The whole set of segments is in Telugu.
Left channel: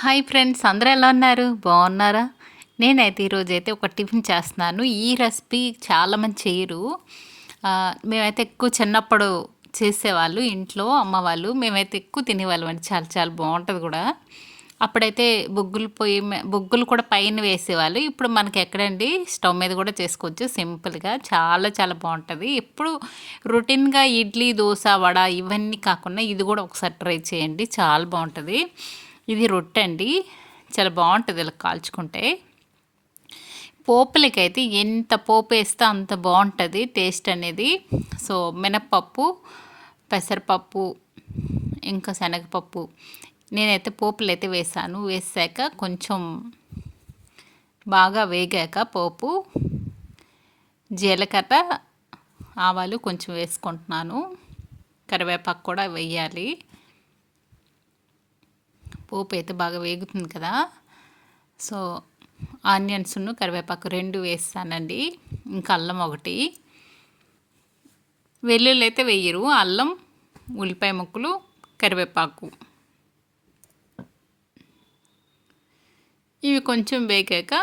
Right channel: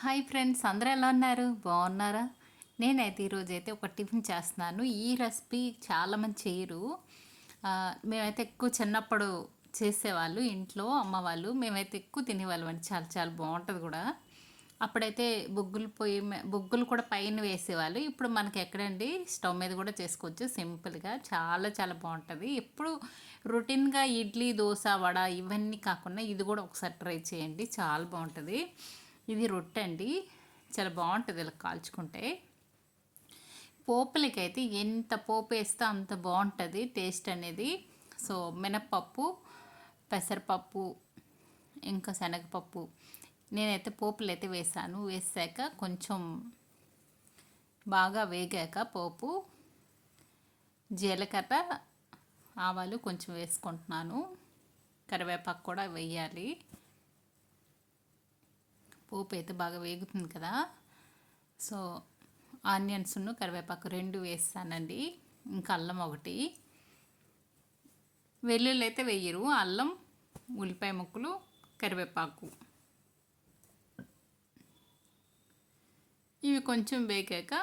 హాయ్ ఫ్రెండ్స్ అందరూ ఎలా ఉన్నారు? బాగున్నారా? నేనైతే ఈరోజు అయితే ఒక టిఫిన్ చేస్తున్నాను. ఈ రెసిపీ చాలామంది చేయరు. మేమైతే ఎక్కువ చిన్నప్పుడు చేసేవాళ్ళు ఇంట్లో అమ్మ వాళ్ళు. మేమైతే ఎక్కువ తినేవాళ్ళం అండి. చాలా చాలా బాగుంటుంది కూడా. అప్పుడైతే బొగ్గులు పొయ్యి బొగ్గులు కూడా పైన వేసేవాళ్ళు. ఇప్పుడు మనకి ఎక్కడండి? స్టవ్ మీద కూడా చేసుకోవచ్చు. సింపుల్గా చాలా చాలా బాగుంటుంది. ఎప్పుడు రొటీన్గా ఇడ్లీ దోశ వడ ఇవన్నీ కాకుండా ఇది కూడా ఒకసారి ట్రై చేయండి. చాలా బాగుంటుంది. ఇది రొట్టె అండి చాలా బాగుంటుంది ఇలా కాల్చుకుంటే. పోపులకైతే ఎంత పోపు వేస్తే అంత బాగుంటుంది టేస్ట్ అనేది. సో మినప్పప్పు పెసరపప్పు ఇంకా శనగపప్పు. నేనైతే పోపులు అయితే వేసాను. వేసాక కొంచెం బాగా వేగాక పోపు జీలకర్ర ఆవాలు కొంచెం వేసుకుంటున్నాను. కరివేపాకు కూడా వేయాలి. పోపు అయితే బాగా వేగుతుంది కదా. సో ఆనియన్స్ను కరివేపాకు రెండు వేస్తానండి. ఇంకా అల్లం ఒకటి. వెల్లుల్లి అయితే వేయరు. అల్లం ఉల్లిపాయ ముక్కలు కరివేపాకు. ఇవి కొంచెం వేగాక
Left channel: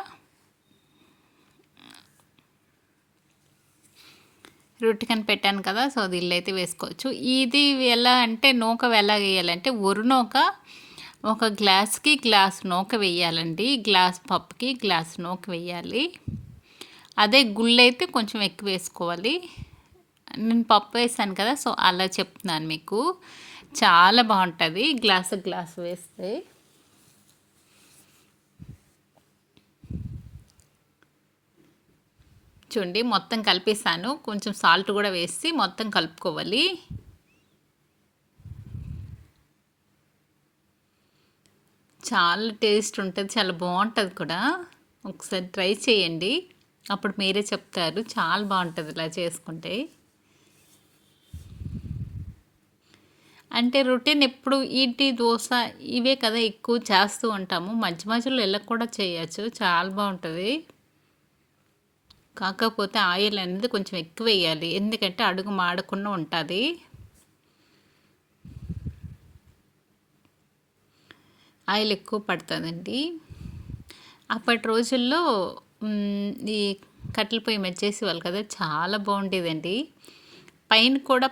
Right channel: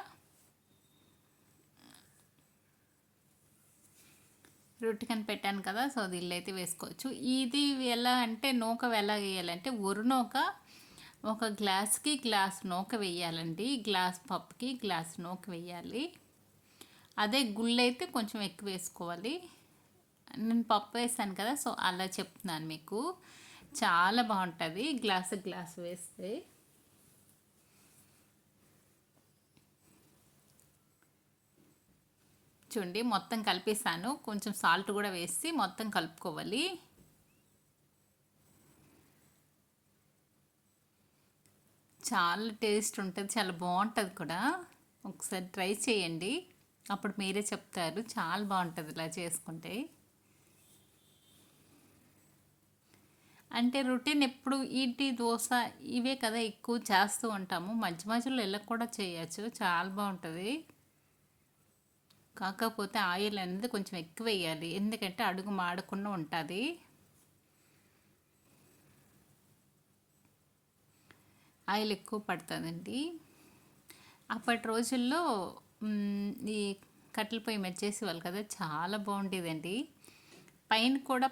రొట్టెకని పెట్టాను కదా సో అది ఇల్లు అయితే వేసుకోవచ్చు. ఇది ఎలా అంటే నూక ఎలా వేయాలంటే ఒరు నూక ఒక గ్లాస్కి గ్లాస్ నూక వేయాలండి. గ్లాస్ పప్పుకి గ్లాస్ నూక వేయాలి. అదే గుళ్ళు అయితే కొంచెం ఎక్కువ వేసుకోవాలి. నేను పప్పు వేసాను కదా సో అలా చెప్తున్నాను మీకు. చాలా బాగుంటుంది గ్లాస్ గ్లాస్ వేస్తే. చూడండి మొత్తం కలిపేసాను కొంచెం సాల్ట్ కూడా వేసి మొత్తం కలుపుకోవాలి. చాలా టేస్ట్ ఉంటుంది చాలా బాగుంటుంది కూడా. ఒకసారి ట్రై చేయండి. అప్పుడు మీరే చెప్తారు చాలా బాగుంటుంది ఇలా చేసుకుంటే. అంటే రొటీన్ ఎప్పుడు ఇడ్లీ దోశ ఇవే కదా ఎక్కువ చేస్తూ ఉంటాము. మధ్య మధ్యలో ఇలా కూడా చేయొచ్చు చాలా బాగుంటుంది. కాకపోతే ఆయిల్ అనేది కొంచెం ఎక్కువ వేయాలి. ఎందుకంటే అడుగు మాడకుండా ఉంటుంది. ఆయిల్ ఎక్కువ పడుతుందండి. అప్పటి రోజుల్లో ఈ కట్టెల పొయ్యి మీద చేసేవాళ్ళు కదా చాలా బాగుండేదండి. పైన కూడా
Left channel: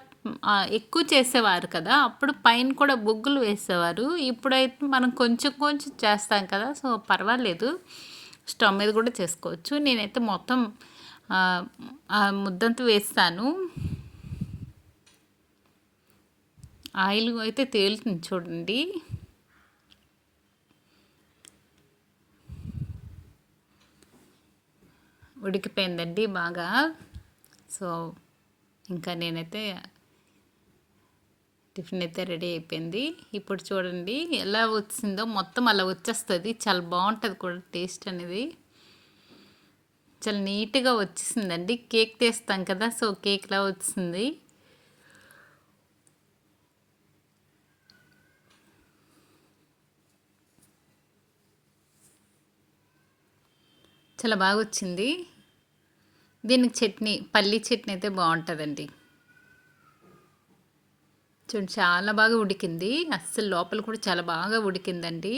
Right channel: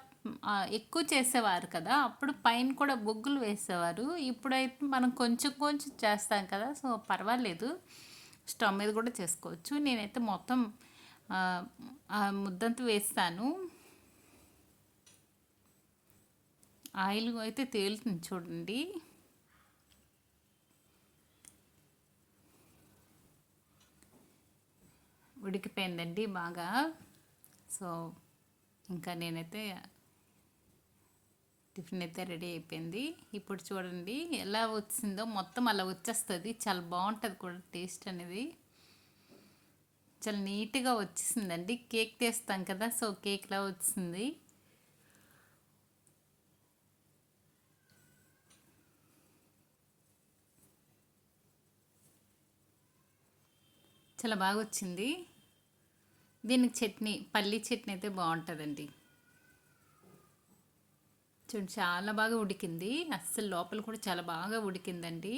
ఎక్కువ చేసేవారు కదా అప్పుడు పైన కూడా బొగ్గులు వేసేవారు. ఇప్పుడైతే మనం కొంచెం కొంచెం చేస్తాం కదా సో పర్వాలేదు. స్టవ్ మీద కూడా చేసుకోవచ్చు. నేనైతే మొత్తం ముద్దంతా వేస్తాను. ఆయిల్ అయితే తేలుతుంది చూడండి. ఉడికిపోయిందండి బాగా. సో ఇంకా నేనైతే టిఫిన్ అయితే రెడీ అయిపోయింది. ఇప్పుడు చూడండి ఎలా వచ్చిందో మొత్తం అలా వచ్చేస్తుంది. చాలా బాగుంటుంది కూడా టేస్ట్ అనేది. చాలా నీట్గా వచ్చేసిందండి. కేక్ తీస్తాం కదా సో కేక్లా వచ్చింది. చాలా బాగా వచ్చింది. దీనికి చట్నీ పల్లి చట్నీ అయితే బాగుంటుందండి. చూడండి చాలా బాగా ఉడికింది. అస్సలు లోపల కూడా చాలా బాగా ఉడికిందండి.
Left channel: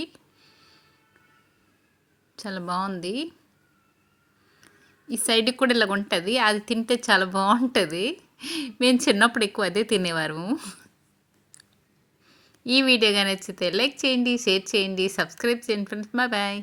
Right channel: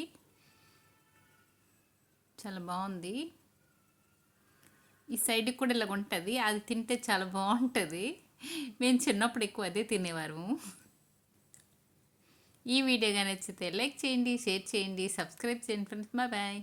చాలా బాగుంది. ఈ సైడ్కి కూడా ఇలా ఉంటుంది. అది తింటే చాలా బాగుంటుంది. మేము చిన్నప్పుడు ఎక్కువ అదే తినేవారు. ఈ వీడియో కానీ నచ్చితే లైక్ చేయండి షేర్ చేయండి సబ్స్క్రైబ్ చేయండి ఫ్రెండ్స్. Bye bye.